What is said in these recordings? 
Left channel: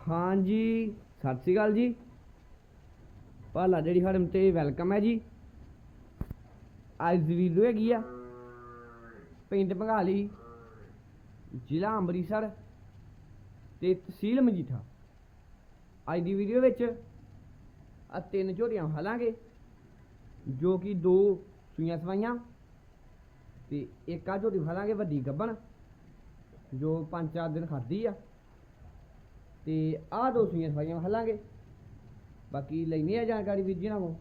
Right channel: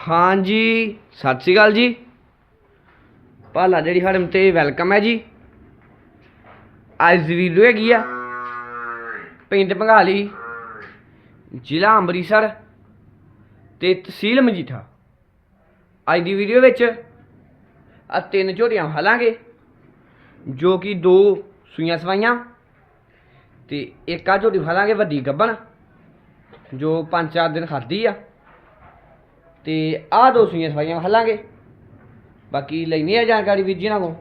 ਹਾਂਜੀ, ਸਤਿ ਸ਼੍ਰੀ ਅਕਾਲ ਜੀ। ਭਾਲਾ ਜਿਹੜੀ ਫਾਰਮ ਤੇ ਵੈਲਕਮ ਹੈ ਜੀ। ਅੱਜ ਦੀ ਵੀਡੀਓ ਹੈਗੀ ਆ, ਪਿੰਡ ਭੰਗਾਲੀ ਜ਼ਿਲ੍ਹਾ ਅੰਮ੍ਰਿਤਸਰ ਤੇ ਤਹਿਸੀਲ ਮਜੀਠਾ। ਅੱਜ ਦੀ ਵੀਡੀਓ ਵਿੱਚ ਆ ਤਿੰਨ ਝੋਟੀਆਂ ਹਾਲਾਂਗੇ ਜੋ ਕਿ ਦੋ ਸੂਈਆਂ ਸਵਾਈਆਂ ਤੇ ਇੱਕ ਆ ਝੋਟੀ ਹਾਲਾਂਗੇ ਵੱਡੀ ਗੱਬਣ, ਜੋ 5-4 ਦਿਨ ਖਾਦੀ ਆ। ਤੇ ਆਹ ਦੋ ਸੂਈਆਂ ਸਫਾਈਆਂ ਹਲਾਂਗੇ। ਬਾਕੀ ਲੈਣੀ ਆ ਜਾਣਕਾਰੀ ਵੀਰ ਜੀ ਨਾਲ ਕੋ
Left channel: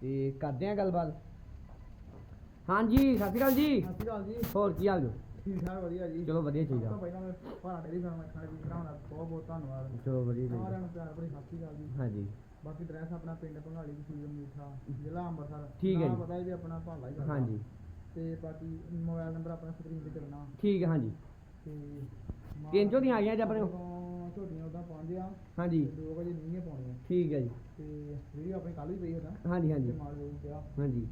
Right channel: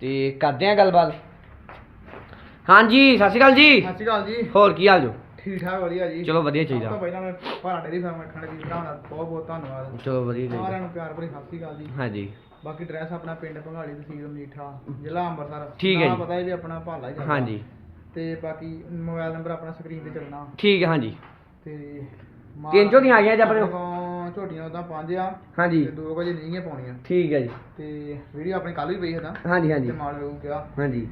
ਤੇ ਕਰਦੇ ਆ ਗੱਲਬਾਤ। ਹਾਂਜੀ ਸਤਿ ਸ਼੍ਰੀ ਅਕਾਲ ਜੀ। ਸਤਿ ਸ਼੍ਰੀ ਅਕਾਲ ਜੀ। ਹੋਰ ਕੀ ਹਾਲ ਜੋ? ਠੀਕ ਠਾਕ ਵਧੀਆ ਜੀ। ਚਲੋ ਵਧੀਆ ਸਭ ਤੋਂ ਚਾਹੀਦਾ ਪਹਿਲਾਂ ਮੈਂ ਭਾਰਾ ਡੇਰੀ ਫਾਰਮ ਰੱਖਣ ਦੀ ਭਰਾਵਾਂ ਦਾ ਬਹੁਤ ਬਹੁਤ ਧੰਨਵਾਦ। ਚਲੋ ਵਧੀਆ ਸਾਰਿਆਂ ਚਾਹੀਦਾ ਨੂੰ ਪਿਆਰ ਭਰੀ ਸਤਿ ਸ਼੍ਰੀ ਅਕਾਲ ਜੀ। ਹਾਂਜੀ। ਬਾਕੀ ਐਡਰੈਸ ਆਪਣਾ ਪਿੰਡ ਭੰਗਾਲੀ ਤਹਿਸੀਲ ਮੀਠਾ ਜ਼ਿਲ੍ਹਾ ਅੰਮ੍ਰਿਤਸਰ। ਠੀਕ ਹੈ ਜੀ। ਪਤਾ ਹੈ ਵੀ ਆਪਣਾ ਭਾਲਾ ਹੀ ਚੱਲਦਾ। ਹਾਂਜੀ। ਤੇ ਬਾਕੀ ਮੋਬਾਈਲ ਨੰਬਰ ਆਪਣਾ ਸਕਰੀਨ ਤੇ ਚੱਲਣਾ। ਠੀਕ ਹੈ ਹਾਂਜੀ। ਤੇ ਤਿੰਨ ਝੋਟੀਆਂ ਆ ਗਈਆਂ ਜੀ ਆਪਣੇ ਕੋਲ? ਝੋਟੀਆਂ ਉਦਾਂ ਪੰਜ ਆ ਹਾਂਜੀ। ਤੇ ਦੋ ਵਜੇ ਨਹੀਂ ਪਾਉਣੀਆਂ। ਠੀਕ ਹੈ ਜੀ। ਤੇ ਵੀਡੀਓ ਆਪਣੀ ਕੱਲ ਵੀ ਪਈ ਹਦਾ ਹਾਂਜੀ ਹਾਂਜੀ। ਤੇ ਮਾਲ ਵੇਖੂ ਕਿਹਾ ਹਾਂਜੀ।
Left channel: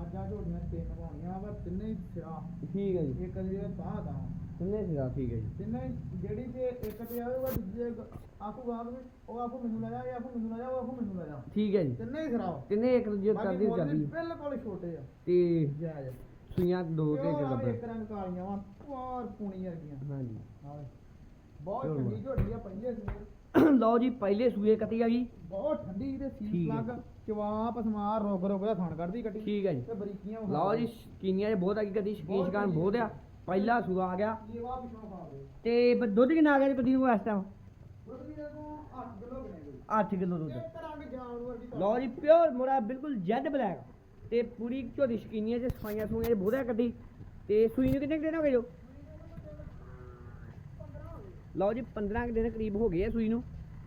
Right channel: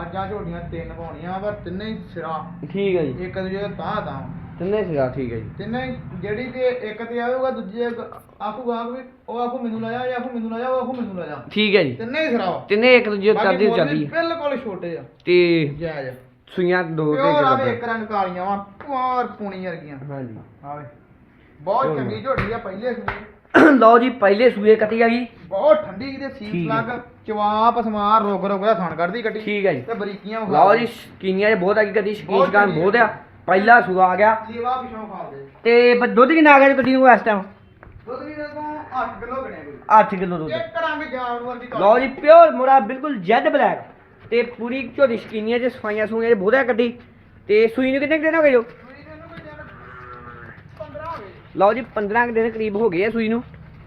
ਅੱਜ ਆ ਝੋਟੀਆਂ ਤਿੰਨ ਪਾਉਣੀਆਂ ਪਰ ਤਿੰਨੇ ਹੀ ਸਿਰਾ। ਠੀਕ ਹੈ ਜੀ। ਇੱਕ ਦੂਜੇ ਦਾ ਤਾਂ ਤਾਂ। ਤਿੰਨੇ ਸਿਰਾ ਠੀਕ ਹੈ ਜੀ। ਤਿੰਨੇ ਜਿਹੜੀ ਤੇ ਇੱਕ ਤੇ ਆਊਗਾ ਦੂਜੇ ਆਖੂਗਾ ਵੀ ਉਹ ਆਖੂ ਮੈਨੂੰ ਲਾਇਆ ਇਹ ਆਖੂ ਮੈਨੂੰ ਲਾਇਆ ਉਹ ਆਖੂ ਮੈਨੂੰ ਲਾਇਆ ਠੀਕ ਹੈ ਜੀ। ਤਿੰਨੇ ਹੀ ਖਰਾਬ ਤਿੰਨੇ ਇੱਕ ਦੂਜੇ ਬਾਕੀ ਚੜਦੀ ਮੁੱਲ ਵੀ ਚੜਦੀ ਬਿਲਕੁਲ ਛੋਟੇ ਆ। ਤੇ ਜਾਇਜ਼ ਸੂਈਆਂ ਦੋ ਤੇ ਪਿਓਰ ਆਵੇ ਇੱਕ ਇੱਕ ਰੰਗ ਕਾਲੀਆਂ ਵਾ ਪੁਆਰ ਪੂਣੀ ਵਰਗੀਆਂ। ਹਾਂਜੀ। ਆਵੇ। ਬਹੁਤ ਚਲੋ। ਚੰਗੀ ਝੋਟੀ ਆ ਪਹਿਲੇ ਸੂਏ। ਲਓ ਜੀ ਪਹਿਲੇ ਸੂਏ ਕੱਟੀ ਆ ਗਈ ਬਹੁਤ ਠੰਡੀ ਤੇ ਸੀਸ ਠੀਕ ਹੈ। ਲੱਗ ਚਵਾਪ ਸਮਾਰ ਰੋਗ ਰੋਗ ਦਾ ਥਣ ਕੱਢਦੀ ਕੱਟੀ। ਠੀਕ ਹੈ ਜੀ। ਤੇ ਬਰੀਕੀਆਂ ਵਿਖਾ ਲਓ। ਜੀ ਸ਼ਕੀਨੀਆਂ 'ਚ ਬਹੁਤ ਆ ਗਈ ਕਦੀ ਬਹੁਤ ਸ਼ਕੀਨ ਬਹੁਤ ਆ। ਪਹਿਲਾ ਸੂਆ ਆ ਗਿਆ। ਲੀਵਾ ਪਿਛੋਂ ਖਾ ਦੇ ਤੇ ਬ- ਦੁੱਧ ਕਿੰਨਾ ਆ ਗਿਆ ਜੀ ਗੱਡੀ ਨੂੰ ਇਸ ਟਾਈਮ ਦੁੱਧ ਵੀ ਤੋਂ 8 ਕਿਲੋ ਗਣਿਆ ਕੋਈ। 8 ਕਿਲੋ ਦੁੱਧ। ਇੱਕ ਰੰਗ ਜਾਨਵਰ ਦੀ ਲਓ ਜੀ ਪਿਓਰ ਮੋਰਾ ਬਿਲਕੁਲ ਜੈਡ ਬਲੈਕ। ਤੇ ਪੂਰੀ ਝੋਟੀ ਸ਼ਕੀਨੀਆਂ 'ਚ ਸਫਾਈਆਂ ਸੂਈਆਂ 'ਚ ਬਹੁਤ ਆ ਕੱਢੀ ਤੇ ਸੂਈ ਨੂੰ ਕਿੰਨੇ ਕੁ ਦਿਨ ਹੋ ਗਏ ਜੋ ਸੂਈ ਦੇ ਨੂੰ ਕੋਈ ਦਿਨ 15 ਹੋ ਗਏ ਲਓ ਜੀ 15 ਕੁ ਦਿਨ ਕਰੀਬ ਹੋ ਗਏ ਆ ਸੂਈ ਨੂੰ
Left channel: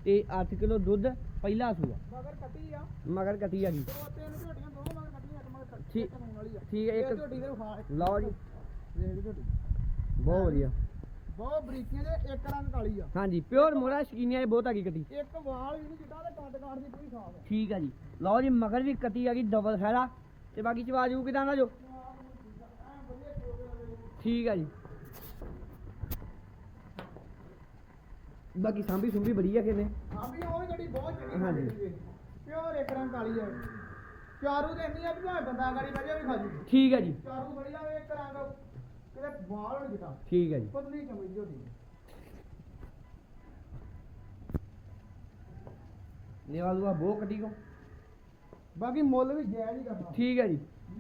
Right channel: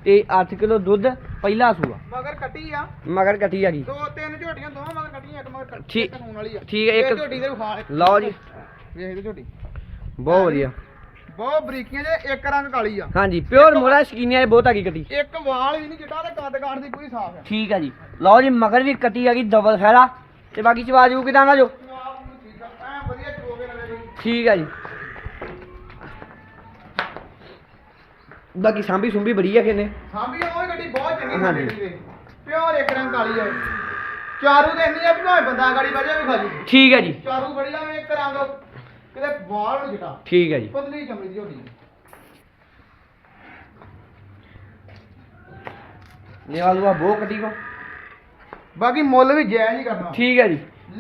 ਤੇ 8 ਕਿਲੋ ਦੁੱਧ ਪਹਿਲਾ ਸੂਆ। ਮਗਰ ਕੱਟੀ ਆ। ਮਗਰ ਕੱਟੀ ਆ ਗਈ ਦੋ ਤਿੰਨ ਝੋਟੀਆਂ ਦੋਵਾਂ ਮਗਰ ਕੱਟੀਆਂ ਇੱਕ ਮਗਰ ਕੱਟੀ ਠੀਕ- ਕਾਨੂੰਨ ਵਾਲੀ ਆ। ਠੀਕ ਹੈ, ਇੱਕ- ਇਹ ਝੋਟੀ ਦੇ ਵਿਖਾ ਲਓ ਜੀ। ਵੇਖ। ਲਓ ਝੋਟੀ। ਬਹੁਤ ਵਧੀਆ। ਬਹੁਤ ਬਰੀਕੀਆਂ ਜੇ ਇੱਕ ਰੰਗ ਕਾਲੀ ਆ। ਹਾਂਜੀ ਪਿਓਰ ਮੋਰਾ ਸ਼ਕੀਨੀਆਂ 'ਚ ਬਹੁਤ ਆ ਗਈ ਕੱਟੀ। ਇੱਕ ਵਾਲ ਵੀ ਨਹੀਂ ਚਿੱਟਾ ਤੇ ਕੱਦ ਕਾਠ ਦੀ ਪੂਰੀ ਸਾਫ਼ ਆ। ਠੀਕ ਆ ਜੀ। ਲਓ ਜੀ ਮਗਰ ਵੀ ਕੱਟੀ ਆ ਗਈ ਡਬਲ ਫੈਰਾ ਤੇ ਬਾਕੀ ਚਵਾਜੂ ਕਿਦਾਂ ਦਾ ਜੋ। ਠੀਕ ਆ ਜੀ। ਬਾਕੀ ਸਾਂਭੀ ਸੁੰਭੀ ਬੜੀ ਆ ਕਿਨੇ ਸਾਂਭੀ ਉਹ ਗੱਡੀ ਬਹੁਤ ਚੰਗੀ ਹਾਂਜੀ। ਸਾਡੀ ਦੀ। ਪਿਓਰ ਇੱਕ ਰੰਗ ਕਾਲੀ ਆ ਚਾਰੂ ਤੇ ਇੰਨੀ ਆ ਵੀ ਭਾਵੇਂ ਬੰਦਾ ਗਾੜੀ ਵਜੇ ਵੀ ਖਾ ਜੂ। ਠੀਕ ਆ ਜੀ। ਚਾਰੂ ਬੜੀ ਆ ਇੱਕ ਰੰਗ ਕਿਤੇ ਵਾਲ ਨੂੰ ਚਿੱਟਾ ਠੀਕ ਆ ਜੀ। ਪਤਲੀ ਚਮੜੀ ਦੀ ਝੋਟੀ ਨਿਵਾਲੂਆ ਬਹੁਤ ਕੱਟੀ ਕੋ। ਬਾਕੀ ਮੁੱਲ ਵੀ ਜਾਇਜ਼ ਹੀ ਕਰਨਾ। ਠੀਕ ਆ ਜੀ।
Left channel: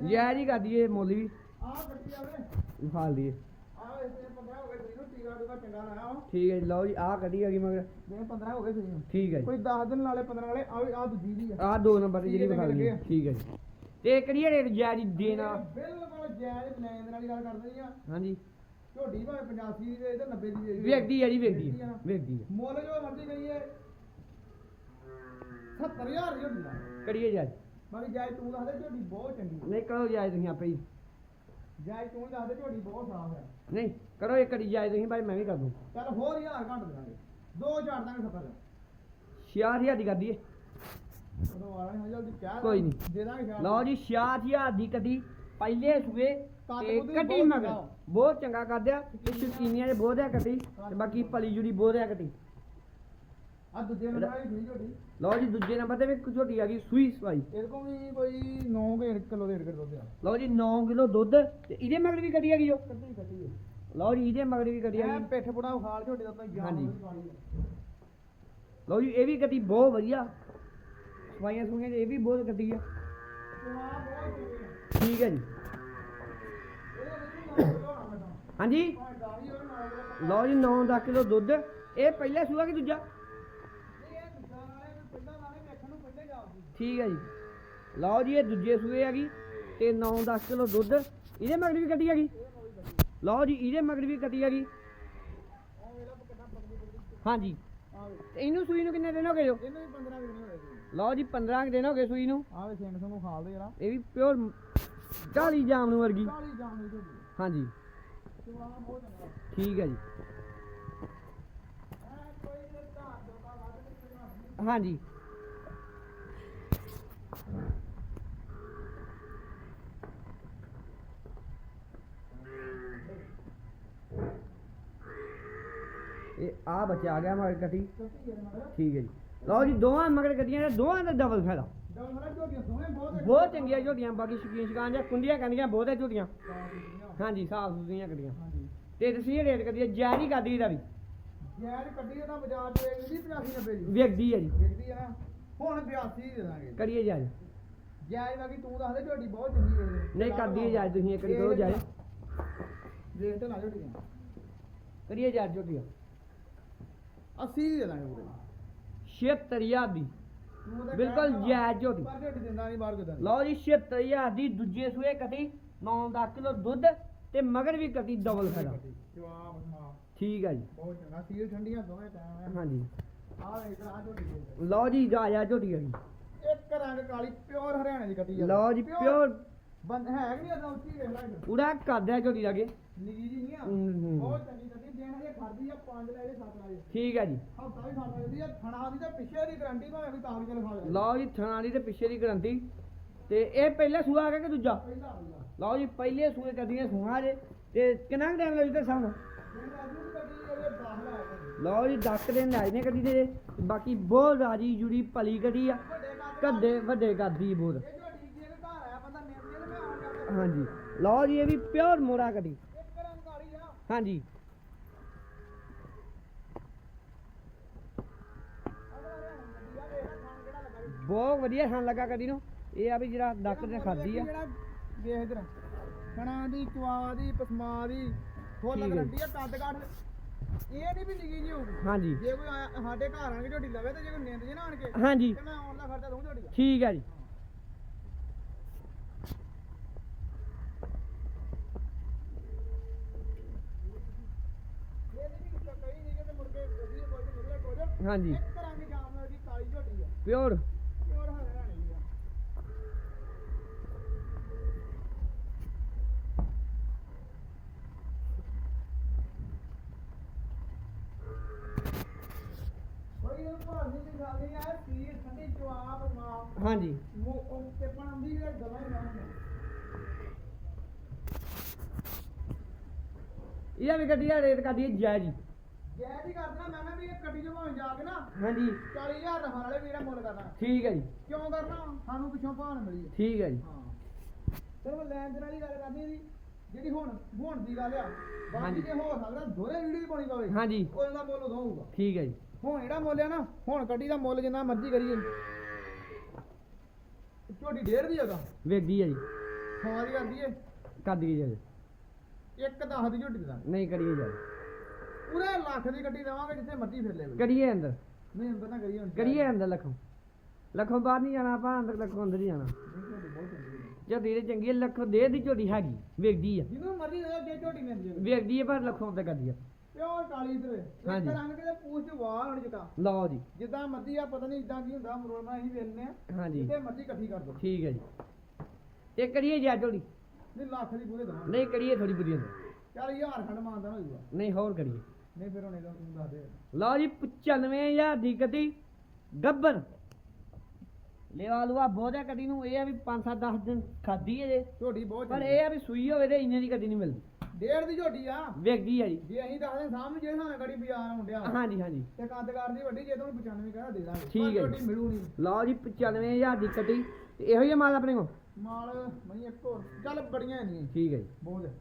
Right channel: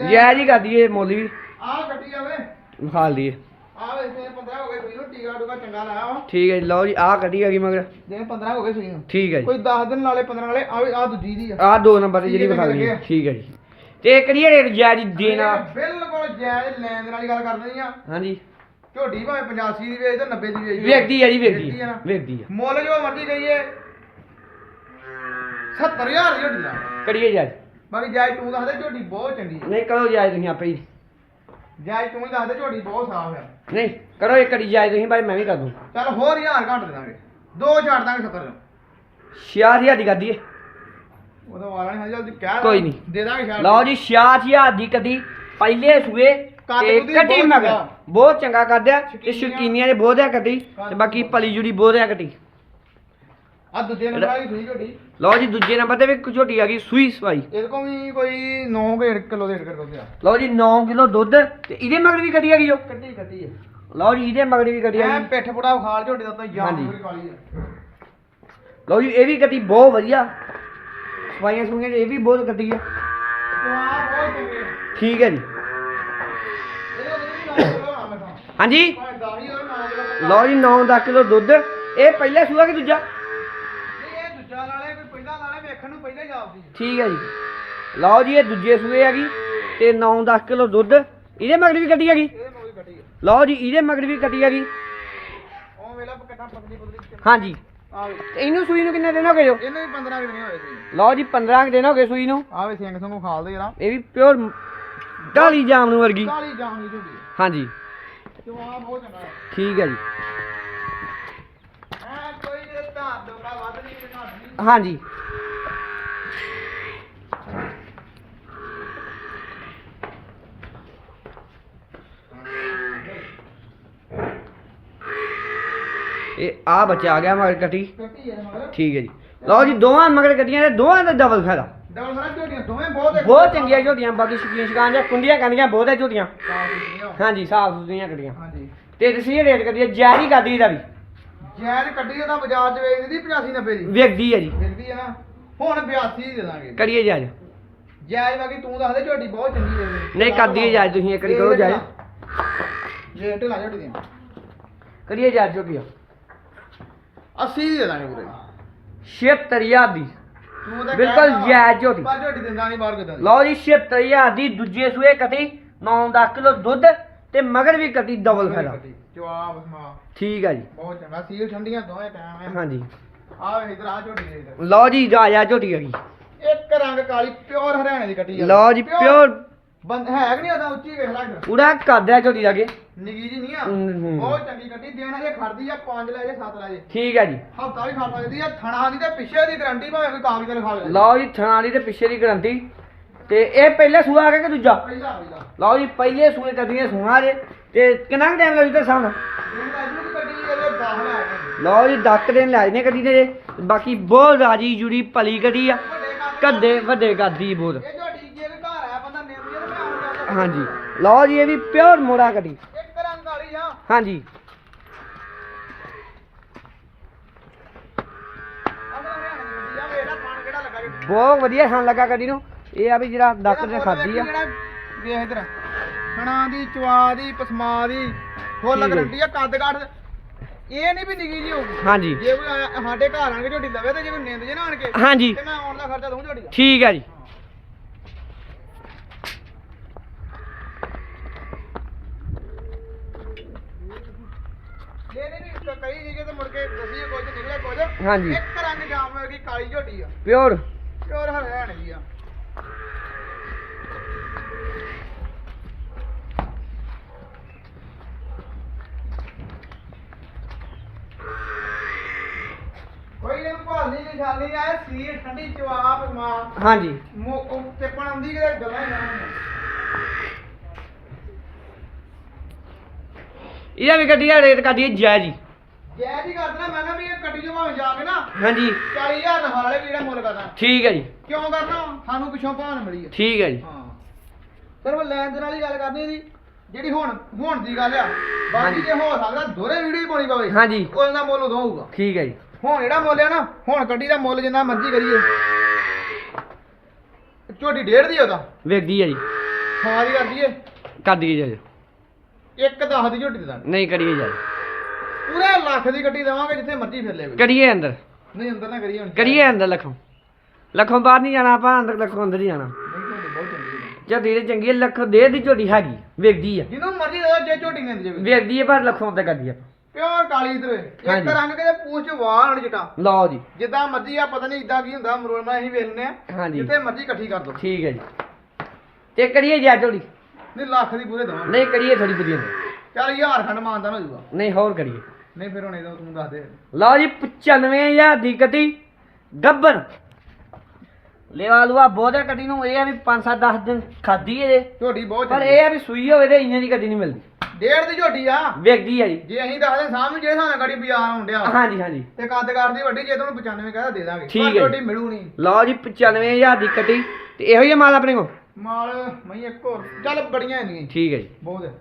ਜੈ ਜੀ ਕਰ ਦਈਏ ਮੁੱਲ ਵੀ। ਆਹ ਕੱਟੀ ਆਵੇ ਵਿਖਾਲ ਦਈਏ ਆਹ ਵੇ ਤੇ 15 ਹੋ ਗਏ ਸੂਈ ਨੂੰ ਟੀਕਾ ਚੰਗਾ ਲਾਇਆ ਵਾ ਠੀਕ ਹੈ ਜੀ ਲਓ ਜੀ ਆਹ ਆ ਗਈ ਮਗਰ। ਦਿਨ 15 ਹੋ ਗਏ ਸੂਈ ਨੂੰ ਠੀਕ ਹੈ ਜੀ। ਕੋਈ 10 ਦਿਨ ਨਾਲੇ 15 ਨਾਲੇ ਆ ਆ ਦੂਜੀ ਦੀ ਆ। ਆਹ ਦੋ ਨੰਬਰ ਜਿਹੜੀ ਹੈ, ਵਿਖਾ ਲਈ। ਠੀਕ ਹੈ ਜੀ। ਤੇ ਕਿਹੜੀ ਰੇਟ ਜੈ ਜੀ ਦੇਣਾ ਬਿਲਕੁਲ ਜਾਇਜ਼ ਲੈਣ ਦੇ ਨਾਲ ਹੀ ਗੱਲ ਕਰਨੀ ਆ। ਹਾਂਜੀ। ਝੋਟੀ ਭਾਵੇਂ 85 ਦੀ ਵੇਚ ਤੇ 90 ਦੀ ਵੇਚ ਵੇਖਦੀ ਆ ਜੀ ਵੇਖਦੀ ਨਾ। ਵੇਖਦੀ ਆ। ਮੁੱਲ ਜੋ ਮਰਜ਼ੀ ਕਹੀਏ 70000 ਦੀ ਝੋਟੀ ਦਾ ਕਰੀਏ ਜੈ ਬਾਕੀ ਜਾਇਜ਼ ਤੂੰ ਦੱਸ ਦੇ ਝੋਟੀ ਬਹੁਤ ਚੰਗੀ ਆ। ਨਹੀਂ ਕਰੋ ਜੈ ਤੁਸੀਂ ਆਪੇ ਹੀ। ਜਾਇਜ਼ ਤੂੰ ਹੀ ਦੱਸ ਦੇ ਝੋਟੀ ਬਹੁਤ ਸਾਫ਼ ਆ ਨਹੀਂ ਕਰੋ ਇੱਕ ਕੜੀ ਜੈ ਤੁਸੀਂ ਭਾਈ ਮੈਂ ਵੀ ਕਰ ਦੂੰ। ਚੱਲ ਹੋਰ ਹਜ਼ਾਰ ਘੱਟ ਦੇ ਦਾਂਗੇ। ਦੋ ਛੱਡ ਦਾਂਗੇ 70 ਦਾ 6000 ਦੀ ਕਰ ਦਈਏ ਉਹਦਾ ਵਾਲਾ ਨਹੀਂ ਜਲਦੀ ਕਹਿ ਕੋਈ ਨਹੀਂ। ਦੇ ਦਾਂਗੇ ਛੱਡ ਲਓ ਜੀ 6000 ਦੀ ਕਦੀ ਪਹਿਲੇ ਸੂਏ ਕੱਦ ਤੇ ਕੁੱਦ ਕੱਟੀ ਬਹੁਤ ਮਗਰ। ਚੰਗਾ। ਬਹੁਤ ਚੰਗਾ ਕਰਦਿਆ ਤੇ ਸ਼ੌਕੀਨੀਆਂ। ਦੇ ਬਹੁਤ ਆ ਕੱਟੀ ਤੇ ਬਾਕੀ ਪਲੀ ਜੁੜੀ ਬਹੁਤ ਆ ਕੱਟੀ ਆ ਦੂਜੇ ਨੰਬਰ ਆ ਗਈ ਸੂਈ ਝੋਟੀ ਲਓ ਜੀ ਦੂਜੇ ਨੰਬਰ ਤੇ ਵੀ ਇੱਕ ਝੋਟੀ ਆ ਗਈ ਸੂਈ ਸਵਾਈ। ਇਹਦੇ ਕੋਲ ਵੀ ਕੋਈ 9 ਕਿਲੋ ਦੇ ਢੇੜ ਕਰਦੇ ਆ। ਲਓ ਜੀ 9 ਕਿਲੋ ਦੁੱਧ ਤੇ ਇਹਦੇ ਮਗਰ ਵੀ ਕੱਟੀ ਆ ਗਈ ਜੋ ਹੈ ਲਓ ਜੀ ਇਹਦੇ ਮਗਰ ਵੀ ਕੱਟੀ ਆ ਗਈ। ਪਿੱਠ ਪੁੜਾ ਖਾਲ ਝੋਟੀ ਦਾ ਤਾਂ ਹਾਂਜੀ। ਪੂਰੀ ਕਾਲੀ ਆ। ਲਓ ਜੀ ਇਹ ਵੀ ਕੱਟੀ ਬਹੁਤ ਵਧੀਆ। ਸਵਾਈਆਂ ਸੁਈਆਂ ਚ ਇਹ ਵੀ ਬਹੁਤ ਕੱਟੀ ਆ। ਠੀਕ ਹੈ ਜੀ। 9 ਹਾਂਜੀ 10 9 ਲਓ ਜੀ 9-10 ਕਿਲੋ ਦੁੱਧ। ਇਹ ਪਹਿਲਾ ਸੂਆ ਕਿ ਦੂਜਾ ਨਹੀਂ ਇਹ ਦੂਜਾ ਨਾਲੇ ਕੋਈ ਪਹਿਲਾਂ ਨਾਲੇ ਵੇਖਣ ਨੂੰ ਪਹਿਲਾਂ ਜਾਪਦੀ ਠੀਕ ਹੈ ਜੀ। ਲਓ ਜੀ ਇਹ ਦੂਜੇ ਸੂਏ ਹੈਗੀ ਤੇ 9-10 ਕਿਲੋ ਦੁੱਧ। ਇਹਦੇ ਮਗਰ ਵੀ ਕੱਟੀ ਹੈਗੀ ਲਓ ਜੀ ਇਹਦੇ ਮਗਰ ਵੀ ਕੱਟੀ ਹੈਗੀ ਹਾਂਜੀ। ਇਹਨੂੰ ਸੂਈ ਨੂੰ ਕਿੰਨੇ ਦਿਨ ਹੋ ਗਏ ਜੋ? ਇਹਨੇ ਵੀ 15 ਕਿਲੋ ਹੋਏ ਸੀ। ਲਓ ਜੀ 15 ਕੁ ਦਿਨ ਹੋ ਗਏ ਸੂਈ ਨੂੰ। ਆ ਵੇ ਸਿੰਘ ਸੰਗੂ ਖਾਲਦੇ ਜਰਾ। ਇਹ ਵੀ ਪਿਓਰ ਢਾਲੀ ਜਾਮਨ ਵਰਗੀ। ਕਾਲੀ ਜਾਨ ਦੀ ਝੋਟੀ ਹਾਂਜੀ। ਠੀਕ ਹੈ ਜੀ। ਹਾਂਜੀ। ਇਹ ਆ ਬੱਚਾ ਆ ਗਿਆ ਮਗਰ ਕੱਟੀ। ਕੱਟੀ ਹੈ ਮਗਰ। ਠੀਕ ਹੈ ਜੀ। ਲਓ ਜੀ ਦੋਵਾਂ ਮਗਰ ਕੱਟੀਆਂ ਨੇ ਦੋਵਾਂ ਦਾ ਡਬਲ ਫਾਇਦਾ। ਡਬਲ ਫਰਾ ਝੋਟੀਆਂ ਦੋਵੇਂ ਬਹੁਤ ਚੰਗੀਆਂ ਝੋਟੀਆਂ ਬਾਕੀ ਸ਼ਕੀਨ ਸ਼ਕਾਨ ਜਾਂ ਕੁੰਡੀਆਂ ਕੰਦੀਆਂ ਬਹੁਤ ਹੈ ਝੋਟੀਆਂ। ਹਾਂਜੀ ਸਾਫ਼ ਸੁਥਰੀਆਂ ਕੱਟੀਆਂ। ਹਾਂਜੀ। ਤੇ ਤੁਸੀਂ ਰੇਟ ਕੱਢੀਏ ਜੈਰੀ ਕਾਦੀ ਦਾ ਵੀ। ਜੈਨ ਕੱਢੀ ਉਹਦਾ ਬਾਜ਼ਾਰ ਚ ਵੇਚਦੀ 85 90 ਦੀ। ਵੇਖਦੀ ਹੈ ਜੀ। ਮਿਲਦੀ ਹੈ ਨਾ। ਹੁਣ 82 ਦੀ ਦੇ ਦਾਂਗੇ। ਕਰੀਏ ਜਾਜ ਜੈਜ ਬਾਕੀ ਤੂੰ ਦੱਸ ਦੇ ਝੋਟੀ ਬਹੁਤ ਚੰਗੀ ਦੇ ਨਹੀਂ ਕਰਦੀ ਜਾਜ ਤੁਸੀਂ ਇੱਕ ਵਾਰੀ ਕਰੋ ਜਾਜ ਜੇ ਢਿਲਾ ਝੋਟੀ ਦੇ ਕਰੀਏ ਜਾਜ ਝੋਟੀਆਂ 80 ਦੀ ਦੇ ਦਾਂਗੇ ਪੂਰੇ। 76000 ਦੀ। ਤੂੰ ਤਾਂ ਬਿਲਕੁਲ ਜਾਇਜ਼ ਝੋਟੀ। ਪਰ ਝੋਟੀ ਦਿੰਦਾ ਨਹੀਂ ਬਾਹਰ ਕਿਦਾਂ ਲਓ ਜੀ 76000 ਦੀ ਦੂਜੇ ਸੂਏ ਕੱਟੀ 9-10 ਕਿਲੋ ਦੁੱਧ ਤੇ ਮਗਰ ਵੀ ਕੱਟੀ ਡਬਲ ਜਵਾਬ ਸਮਾ ਠੀਕ ਹੈ ਜੀ। ਬਹੁਤ ਚੰਗਾ ਸੀਲ ਠੰਡੀਆਂ ਦੋਵੇਂ ਟਾਈਮ ਹੈ ਹਾਂਜੀ। ਆ ਇਧਰ ਆ ਝੋਟੀ ਦੇ। ਲਓ ਜੀ ਰਾਜਾ ਝੋਟੀ ਹੈਗੀ ਇੱਕ ਰੰਗ ਕਾਲੀ ਪਿਓਰ ਹਰਿਆਣੇ ਦੀ ਕੱਟੀ ਆ। ਲਓ ਜੀ ਪਿਓਰ ਬੰਦ ਹੈ ਕਿ ਨਹੀਂ ਉਹਦਾ ਉੱਚੀ ਵੇਖ ਲੈ ਇੱਧਰ। ਪੂਰਾ ਕਰਦਿਆ ਝੋਟੀ ਲਾਗੇ ਨਿੱਕੀ ਜੀ ਨਹੀਂ ਆ। ਹੂੰ, ਹੂੰ। ਬਹੁਤ ਚੰਗੀ ਕੱਟੀ ਦੇਣਾ ਜੇ ਖੜਦੀ ਆ 5 ਲੈ ਜੇ 7 ਲੈ ਜੇ। ਠੀਕ ਹੈ ਜੀ। ਹਫਤਾ ਵੀ ਖਾ ਸਕਦੀ ਆ ਥਣਾ ਦੀ ਤੇ ਪਿੱਛੇ ਦੀ ਗਰੰਟੀ ਭਾਵੇਂ ਕੋਈ ਕਾਗਜ਼ ਤੇ ਲਿਖਾ ਲੈ ਲਓ ਜੀ ਥਾਂ ਦੀ ਤੇ ਪਿੱਛੇ ਦੀ ਗਰੰਟੀ। ਤੇ ਇਹ ਪਹਿਲੇ ਸੂਆ ਆ ਗਿਆ ਕਿ ਦੂਜਾ? ਪਹਿਲਾ ਪਹਿਲਾ। ਲਓ ਜੀ ਪਹਿਲੇ ਸੂਏ ਕੱਟੀਆਂ ਸੋਨਾ ਜੇ। ਤੇ ਕਿੰਨਾ ਟਾਈਮ ਲੱਗੂ ਤੇ ਸਾਹਮਣੇ ਇਹ ਰਾਜੂ ਦੀ ਕੱਟੀ ਇਹਦੇ 10 ਲੈ ਕੇ ਲਓ ਜੀ 10 ਦਿਨ ਲੈ ਜਨੇ ਕੱਢੀ ਤੇ ਬਾਕੀ ਬਹੁਤ ਰਾਜੀ ਜੁੜੀ ਭਲੀ ਕੱਢੀ ਆ। ਵੱਡੇ ਕੱਦ ਕੱਦੇ ਵੱਡੇ ਕੱਦੀ ਬਹੁਤ। ਇਹ ਘਰ ਆਇਆ ਬੰਦਾ ਨਿੰਮ ਜੇ ਤੇ ਮੈਂ ਆਉਂ ਜਾਂਦਾ ਹਾਂਜੀ। ਲਓ ਜੀ ਇਹ ਵੀ ਪਿਓਰ ਮੋੜਾ ਕੱਢੀ ਇੱਕ ਰੰਗ ਵਾਲੀ ਆ। ਹਾਂਜੀ। ਆ ਬਹੁਤ ਵਧੀਆ ਖਾਣ ਲੱਗਾ ਕੱਢੀ ਨੂੰ। ਇਹ ਆ ਵੀ ਜਿਹੜਾ ਡਾਕਟਰ ਨੇ ਖਾਧੀ ਆ। ਵੇਖ ਇਧਰ। ਖਣਾ ਦੀ ਚਵਾ ਦੀ ਪਸਮਾ ਦੀ ਫੁੱਲ। ਗਰੰਟੀ ਆ ਕੱਦ ਕੱਦ ਇਹ ਨਹੀਂ ਵੀ ਨਿੱਗੀ ਜੀ ਹੋਊਗੀ। ਹਾਂਜੀ। ਜੇ ਕੋਈ ਸਾਡੇ ਘਰ ਆਣ ਕੇ ਝੋਟੀ ਲਵੇ ਤੇ ਜੇ ਕੋਈ ਨਿੰਦ ਜੇ ਨਾ ਆਣ ਕੇ ਹਾਂਜੀ। ਤੇ ਮੈਂ ਆਉਣ ਦਾ ਖਰਚਾ ਦਊਂ ਝੋਟੀ ਦਾ। ਠੀਕ ਹੈ ਜੀ ਇਹ ਨਹੀਂ ਵੀ ਕ- ਕਈ ਜਗ੍ਹਾ ਤੇ ਮੁੜ ਕੇ ਦਸੀਏ ਕੁਝ ਨਿਕਲੇ ਕੁਝ ਹਾਂਜੀ। ਇੱਕ ਰੰਗ ਜਾਮ ਵਰਗੀ ਕਾਲੀ ਝੋਟੀ ਆ। ਪਿਓਰ। ਪਿਓਰ ਹਰਿਆਣੇ ਦੀ ਆ। ਕੋਈ ਇਹਨੂੰ ਭਾਲਣੀ ਨਿਸ਼ਾਨੀ ਆ ਸੀਰ ਠੰਡੀ ਜਵਾਬ ਮਾਂ ਹਾਂਜੀ। ਮੋ ਤੇ ਪਣ ਆਉਂਦੀ ਕਿਤੇ ਗੱਲਾਂ ਹੀ ਨਾ ਇਹਦਾ ਵੀ ਗੱਡੀ ਦਾ ਰੇਟ ਕੱਢੀ ਜੈ ਜੀ। ਜੈ ਜੀ ਕਰਦਾ ਮੈਂ ਕਿਹਾ ਵੀ ਇਹ ਕੱਟੀ ਜੋ ਭਾਵੇਂ ਜਾ ਕੇ ਨਾ। ਹਾਂਜੀ। 40000 ਦਾ ਵਾਲੇ ਵੀ ਜਿਹੜਾ ਮੁੱਲ ਕਰਦਾ। ਠੀਕ ਹੈ ਜੀ। ਕਿਉਂ ਕਰਨਾ ਸਾਨੂੰ ਪਿੱਛੋਂ ਭਾਣ ਮਿਲੀ ਆ ਠੀਕ ਹੈ ਜੀ। ਹਾਂ। ਸਿਰਫ ਲੈਣ ਦੇਣ ਵਾਲੀ ਗੱਲ ਕਰਨੀ ਦੀ ਜਿਹੜੀ ਹੁਣ ਹੁਣ ਦੀ ਗੱਲ ਆ। ਬਾਕੀ ਹਾਂਜੀ। ਜੇ ਹੋ ਸਕਦਾ ਦੋਰੇ ਵੀਡੀਓ ਹੀ ਪਾਉਣੀ ਪਵੇ। ਹਾਂਜੀ। ਉਹਨਾਂ ਦਾ ਮੁੱਲ ਉਦੋਂ ਹੋਊਗਾ। ਠੀਕ ਹੈ ਜੀ। ਹੁਣ ਜਿਹੜਾ ਮੁੱਲ ਆ ਨਾ ਹੁਣ ਕੱਟੀ ਦਾ ਮੁੱਲ ਜਿੰਨਾ ਮਰਜ਼ੀ ਕਰੀਏ। ਝੋਟੀ ਡੇਢ ਦੀ ਆ ਉਹਦਾ। ਵੇਖਦੀ ਹੈ ਜੀ। ਸਵਾ ਦੀ ਕਰਦੀ ਏ। ਕਰ ਦਈਏ ਜੀ। ਇੱਕ 10 ਦੀ ਝੋਟੀ ਦੇ ਦਾਂਗੇ। ਨਹੀਂ ਕਰੀਏ ਜੀ। ਪੂਰੇ ਲੱਖ ਦੀ ਗੱਡੀ ਦੇਵਾਂਗੇ ਜਿੱਥੇ ਮਰਜ਼ੀ ਫਿਰ ਲੈਵੇ ਕਰੀਏ ਅੰਦਰ। ਨਹੀਂ ਅੰਦਰ ਨਾ ਕਰੀਏ ਹੁਣ। ਕਰੀਏ ਅੰਦਰ ਲਖੋਂ। ਲਖੋਂ ਬਾਹਰ ਨਹੀਂ ਜਾਣਾ ਆਪਾਂ ਅੰਦਰ ਲਖੋਂ ਅੰਦਰ ਹੀ ਜਾਣਾ। ਨਹੀਂ ਝੋਟੀ ਬਹੁਤ ਚੰਗੀ ਹੈ। ਝੋਟੀ ਤੇ ਚੰਗੀ ਹੈ ਲੱਖ ਦੇ ਦੀ ਝੋਟੀ ਹੈਗੀ ਵੇਖਦੀ ਆ। ਜਿਹਨੂੰ ਮਰਜ਼ੀ ਦੇ ਦਿਓ, ਜੇ ਝੋਟੀ ਨੇ ਦੇ ਜਾਵੇ ਵੇਖਦੀ ਹੈ ਪਰ ਲਖੋਂ ਤੇ ਕਰਦੀ ਆ। ਪਿਓਰ ਕਾਲੀ ਇਧਰ। ਇੱਕ ਹਾਂਜੀ। ਰੰਗ ਕਿਤੇ ਪੂਛ ਵਾਹ ਹਣ ਜਟਾ ਲਓ ਜੀ। ਜਿੱਦਾਂ ਮਰਜ਼ੀ ਆ ਪਤਾ ਨਹੀਂ ਇਦਾਂ ਕੀ ਹੁੰਦਾ ਮਰੋੜ ਮੈਂ ਅਸੀਂ ਵੇਖਨੇ ਆ ਹਾਂਜੀ। ਜਿੱਥੇ ਮਰਜ਼ੀ ਇਕੱਠੀ ਕਰ ਦੋ ਠੀਕ ਹੈ ਜੀ। ਤੇ ਕਰੀਏ ਜੀ ਝੋਟੀ। ਨਹੀਂ ਲੱਖ ਦੀ ਪੂਰੇ ਦਵਾਂ ਨਹੀਂ ਕਰੀਏ ਥੋੜੀ ਵਧੀਆ। ਚੱਲ ਹਜ਼ਾਰ ਖੰਡ ਮਾਨਦਾਨ ਹੋ ਜਾਊਗਾ ਨਹੀਂ ਹੋਰ ਕਰੀਏ। ਨਹੀਂ ਫਿਰ ਹੁਣ ਇਹਦਾ ਤੂੰ ਦੱਸ ਦੇ। ਲਓ ਜੀ 95000 ਦੀ ਕੱਟੀ ਗੱਬਰ। ਲੈਵਾ ਲੂਆ ਬੋਧੇ ਕੱਟੀ ਨੂੰ ਇਹ ਆ ਵੀ 5-7 10 ਦਿਨ ਖਾਦੀ ਏ ਝੋਟੀ ਬਹੁਤ ਪਰ ਚੰਗੀ। ਇਹ ਆ ਵੀ ਸੂਈ ਹੋਵੇ ਤੇ ਇੰਨੇ ਦੀ ਕੱਟੀ ਨਹੀਂ ਮਿਲਦੀ। ਡੇਢ ਦੀ ਝੋਟੀ ਆ। ਵੇਖਦੀ ਆ ਜੀ। ਜੇ ਅਸੀਂ ਦੱਸਦੇ ਸਾਹਮਣੇ ਜਿਹੜੇ ਸਾਨੂੰ ਗਾੜੀ ਬਾਜ਼ਾਰ ਹੁੰਦਿਆ ਹਾਂਜੀ ਹਾਂਜੀ। ਤੇ ਕੱਦ ਕਰਦੀ ਵੱਡੀ ਜੇ ਤੁਹਾਨੂੰ 95 ਕਹਦਾ ਦੇ ਦਾਂਗੇ। ਠੀਕ ਪਰ ਹੈ ਜੀ। ਝੋਟੀ ਮਿਲੂ ਨਹੀਂ। ਲਓ ਜੀ 95000 ਦੀ ਕੱਟੀ ਤੇ ਇਹੋ ਹੀ ਆ ਮਾਲ ਆਪਣੇ ਕੋਲ? ਮਾਲ ਮਈ ਇੱਕ ਹੋਰ। ਚੱਲ ਬੜੀਆਂ ਨਹੀਂ ਠੀਕ ਹੈ ਜੀ। ਬਹੁਤ ਹੈ।